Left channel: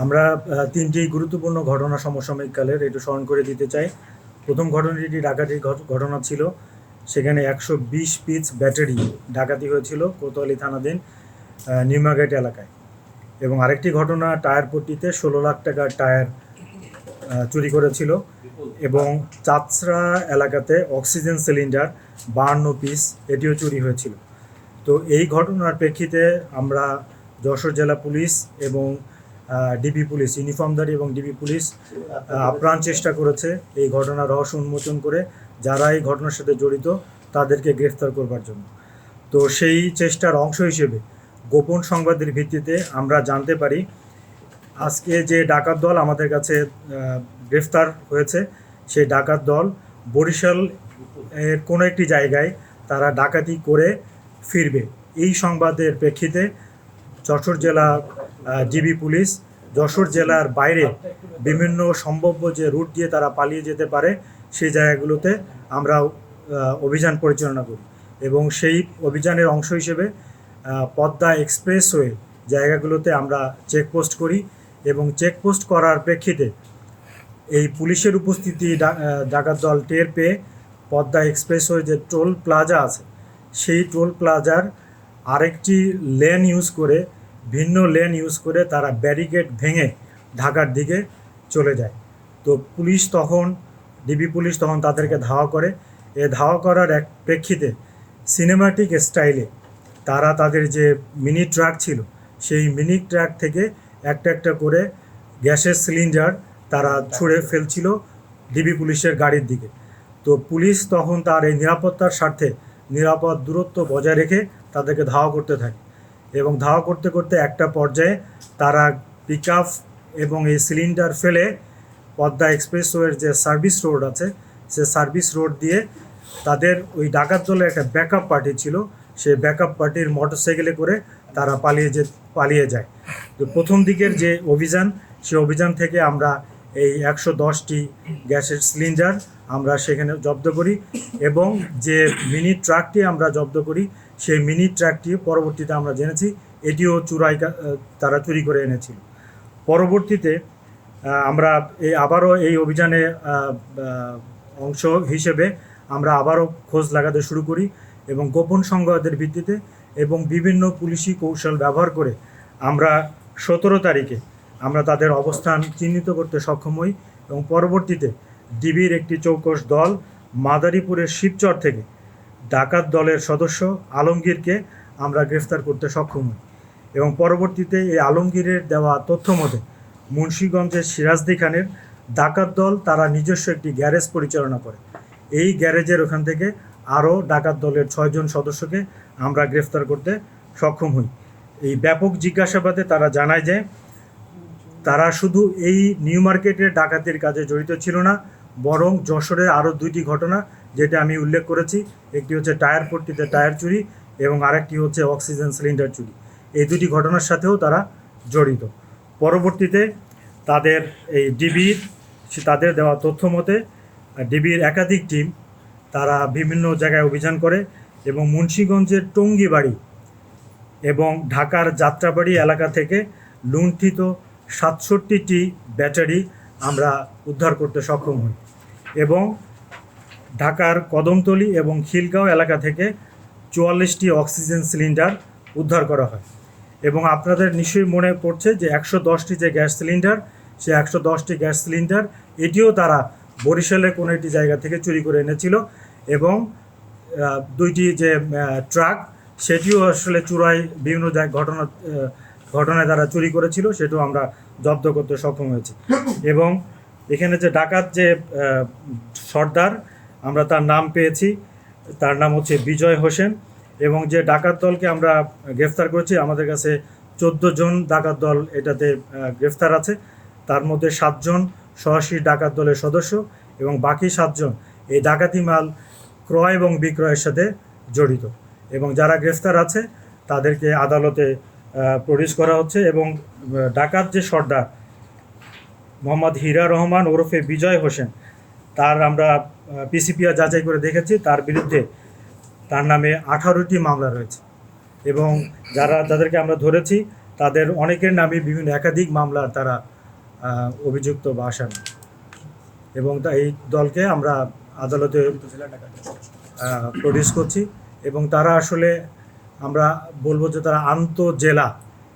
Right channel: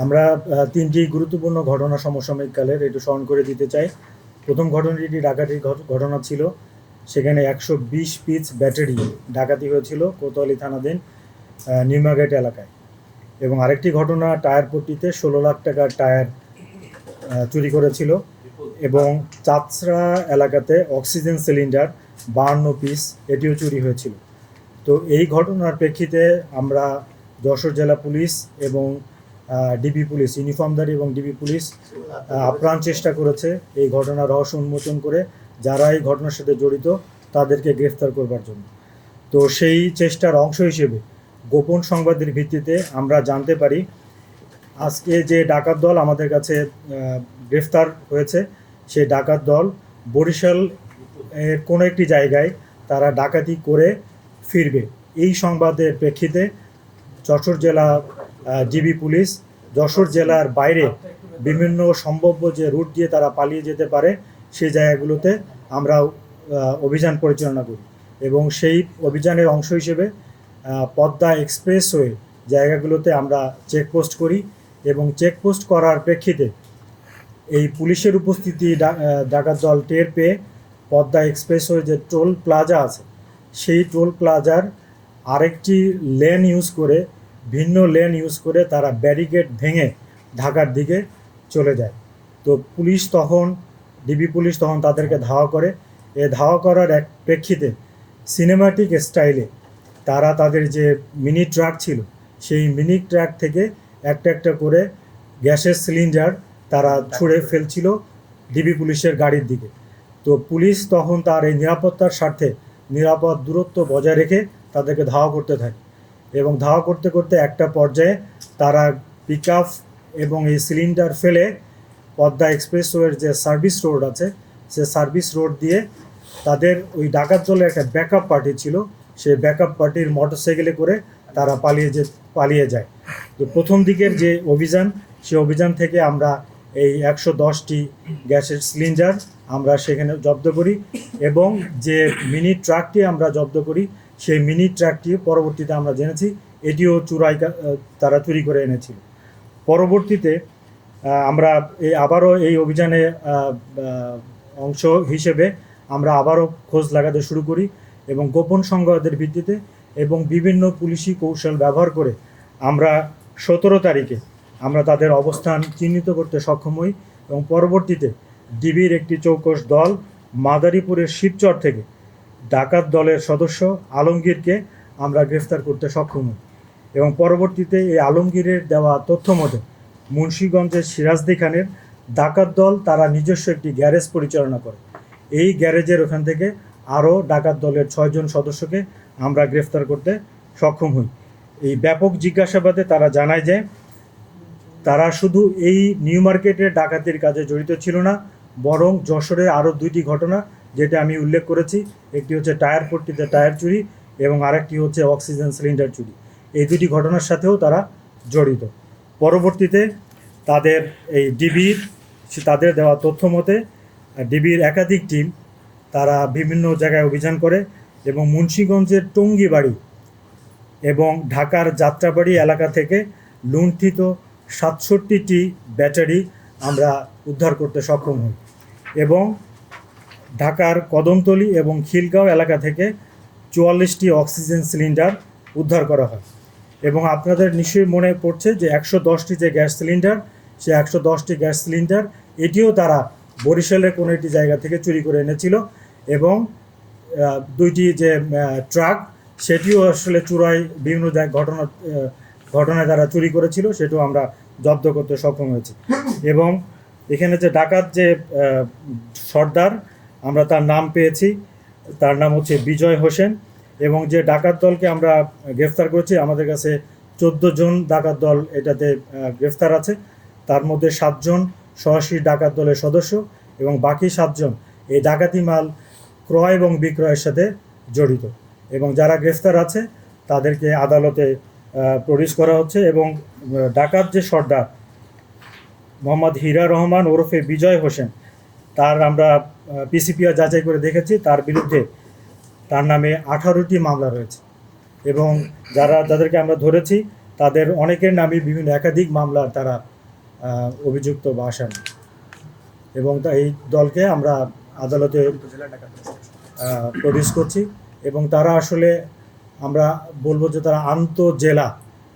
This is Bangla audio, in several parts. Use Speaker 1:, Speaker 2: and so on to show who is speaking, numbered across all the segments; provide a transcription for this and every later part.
Speaker 1: আমরা তিনটি গুরুত্বপূর্ণ ঘটনা সমসাময়িককালের একটু স্মরণ করে দিতে চাই। প্রথম ঘটনাটি ডাকাতির ঘট- ঘটনা ছিল। সেখানে একশো বিশ পিস ব্যাটারি ডাকাতি হয়েছিল কোতোয়ালি থানাধীন আহ, নিউমার্কেট এলাকায়। এবং আরেকটি ঘটনা টায়ার পট্টিতে ষোলো লাখ টাকার টায়ার চুরি করেছিল। এবং চাতসরা এলাকাতে অক্সিজেন সিলিন্ডার বাহান্ন পিস এটিও চুরি হয়েছিল। তো এই ঘটনার প্রেক্ষিতে আমরা যশোর জেলা পুলিশ এবং ডিবি পুলিশ ইউনিফর্মধারী এবং ডিবি পুলিশ আহ, আপ্রাণ চেষ্টা করেছে এই ঘটনার রহস্য উন্মোচন করে যারা এই ঘটনার সাথে জড়িত তাদেরকে গ্রেফতার করবার জন্য। তো সেই চেষ্টার অংশ হিসেবে গোপন সংবাদের ভিত্তিতে আমরা জানতে পারি আজকে যে ডাকাত দল আমাদের কাছে গ্রেফতার হয়েছে সেই ডাকাত দল বরিশাল এর কোনো একটি জায়গায় তারা ডাকাতি করে ফিরবে। এই সংবাদের প্রেক্ষিতে যশোর জেলা জিবি পুলিশ, যশোর জেলার বাইরে বিভিন্ন সম্ভাব্য যে রুট দিয়ে তারা পালিয়ে যেতে পারে, সেই জায়গাগুলোতে আমরা অভিযান পরিচালনা করি। এবং সেই অভিযানের অংশ হিসেবে পদ্মা এক্সপ্রেসওয়ে জায়গাগুলোতে আমরা চেকপোস্ট করি এবং চেকপোস্ট করার প্রেক্ষিতে এই পুলিশের উপস্থিতি ডাকাত দল টের পেয়ে পদ্মা এক্সপ্রেস এক্সপ্রেসওয়ে যে টোল প্লাজা আছে, সেই টোল প্লাজার আরেকটি লেন ইউজ করে ভিন্ন লেন ইউজ করে তারা ব্যারিকেড ভেঙে ঢাকার দিকে চলে যায়। তো পুলিশ তখন ডিবি পুলিশ তখন তাদেরকে ধাওয়া করে। এ ধাওয়া করার এক প্রেক্ষিতে সিনেমাটিক স্টাইলে তারা তাদের যে মিনি ট্রাক ছিল সেই মিনি ট্রাক থেকে একটা একটা করে গ্যাসের সিলিন্ডার তারা ছুঁড়ে ফেলছিল ডিবি পুলিশের গাড়ির দিকে। তো পুলিশ তখন তার এই নিরাপত্তার স্বার্থে নিরাপদ দূরত্ব বজায় রেখে তাদেরকে ধাওয়া করতে থাকে। এবং ধাওয়া করতে করতে একটা পর্যায়ে তারা পিক এবং এই সিলিন্ডার ফেলে পদ্মা এক্সপ্রেসওয়ের যে সার্ভিস রোড আছে, সে সার্ভিস রোড দিয়ে তাদের ওই ডাকাত দলের একটা ব্যাকআপ পার্টি ছিল। সেই ব্যাকআপ পার্টির মোটরসাইকেলে করে তারা পালিয়ে যে, পালিয়ে যায়। তো প্রথম দিকের যে অভিযান, সে অভিযান থেকে আমরা এই একশো দশটি গ্যাসের সিলিন্ডার আমরা সেখানে জব্দ করি এবং যে মিনি ট্রাকটি আমরা জব্দ করি সেই মিনি ট্রাকটি পরবর্তীতে আমরা জেনেছি, এটিও চুরাই তারা চুরি করে এনেছিল। পরবর্তীতে আমরা এই আবারও এই অভিযানে অংশ হিসেবে আমরা আবারও খোঁজ লাগাতে শুরু করি এবং গোপন সংবাদের ভিত্তিতে এবং বিভিন্ন পুলিশি কৌশল ব্যবহার করে আমরা সতেরো তারিখে আমরা তাদের অবস্থান চিহ্নিত করতে সক্ষম হই এবং পরবর্তীতে ডিবির একটি চৌকস দল মাদারীপুরের শিবচর থেকে ডাকাত দলের সদস্য আলমগীরকে আমরা গ্রেফতার করতে সক্ষম। হই এবং পরবর্তীতে এই আলমগীরের দেওয়া তথ্য মতে, মুন্সীগঞ্জের সিরাজদি খানের ডাকাত দল তারা নিজস্ব একটি গ্যারেজ পরিচালনা করে। এই গ্যারেজের ওখান থেকে আরও ডাকাত দলের ছয়জন সদস্যকে আমরা গ্রেফতার করতে সক্ষম হই। এই ব্যাপক জিজ্ঞাসাবাদে তারা জানায় যে, তারা শুধু এই নিউ মার্কেটের ডাকাতির কাজে জড়িত ছিল না, বরং যশোরের আরও দুইটি ঘটনা যেটা আমি উল্লেখ করেছি, একটি হচ্ছে টায়ার পট্টিতে টায়ার চুরি, এবং আরেকটি হচ্ছে অক্সিজেন সিলিন্ডার চুরি। এই দুটি ঘটনার সাথেও তারা জড়িত। পরবর্তীতে তাদের এই ডিবির, তাদের দেওয়া তথ্য মতে, ডিবির একাধিক টিম তারা বিভিন্ন জায়গায় অভিযান করে এবং মুন্সীগঞ্জের টঙ্গিবাড়ি এবং ঢাকার যাত্রাবাড়ি এলাকা থেকে লুণ্ঠিত সাতষট্টিটি ব্যাটারি আমরা উদ্ধার করতে সক্ষম হই। এবং ঢাকার কদমতলী এবং খিলগাঁও এলাকা থেকে চুয়াল্লিশটি অক্সিজেন সিলিন্ডার উদ্ধার করা হয়। এবং আপনাদের নিশ্চয়ই মনে পড়ছে যে একশো দশটি যে গ্যাস সিলিন্ডার, সে একশো দশটি গ্যাস সিলিন্ডার, এটিও তারা বরিশালের কোনো একটি জায়গা থেকে চুরি করে এনেছিল এবং দুইটি যে ট্রাক, সেটিও আসলে চুরাই বিভিন্ন ঘটনা ঘটনায় তারা চুরি করেছিল, সেটিও আমরা জব্দ করতে সক্ষম হয়েছি। এবং এখানে যে ডাকাত যে সর্দার আমরা তার নাম পেয়েছি। তার নাম হচ্ছে বিজয় হোসেন এবং যে ডাকাত দলকে আমরা গ্রেফতার করেছি, আমাদের কাছে চোদ্দ জন ডাকাত দল এটাতে গ্রেফতার আছে। তার মধ্যে সাতজন সরাসরি ডাকাত দলের সদস্য এবং বাকি সাতজন এই ডাকাতি মাল ক্রয় এবং বিক্রয়ের সাথে জড়িত এবং যারা গ্রেফতার আছে, তাদেরকে আদালতে প্রডিউস করা হচ্ছে এবং ডাকাত যে সর্দার, মোহাম্মদ হীরা রহমান ওরফে বিজয় হোসেন তার আমরা পিসিপিআর যাচাই করে দেখেছি, তার বিরুদ্ধে তার নামে আঠারোটি মামলা রয়েছে। এবং যারা, যাদেরকে আমরা ধরেছি, তাদের অনেকের নামে বিভিন্ন একাধিক মামলা তারা অভিযুক্ত বা এবং এই দলকে আমরা আদালতে প্রডিউস করছি। এবং তারা আসলে আমরা বলব যে তারা আন্তঃজেলা।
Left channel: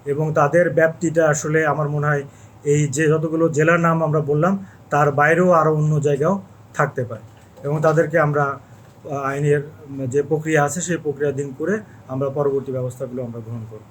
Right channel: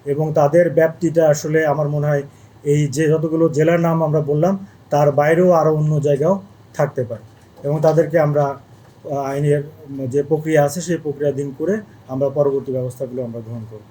Speaker 1: এবং তাদের ব্যাপ্তিটা আসলে আমার মনে হয় এই যে যতগুলো জেলার নাম আমরা বললাম তার বাইরেও আরও অন্য জায়গাও থাকতে পারে। এবং তাদেরকে আমরা আইনের যে প্রক্রিয়া আছে, সেই প্রক্রিয়া দিন করে আমরা পরবর্তী ব্যবস্থাগুলো আমরা গ্রহণ করব।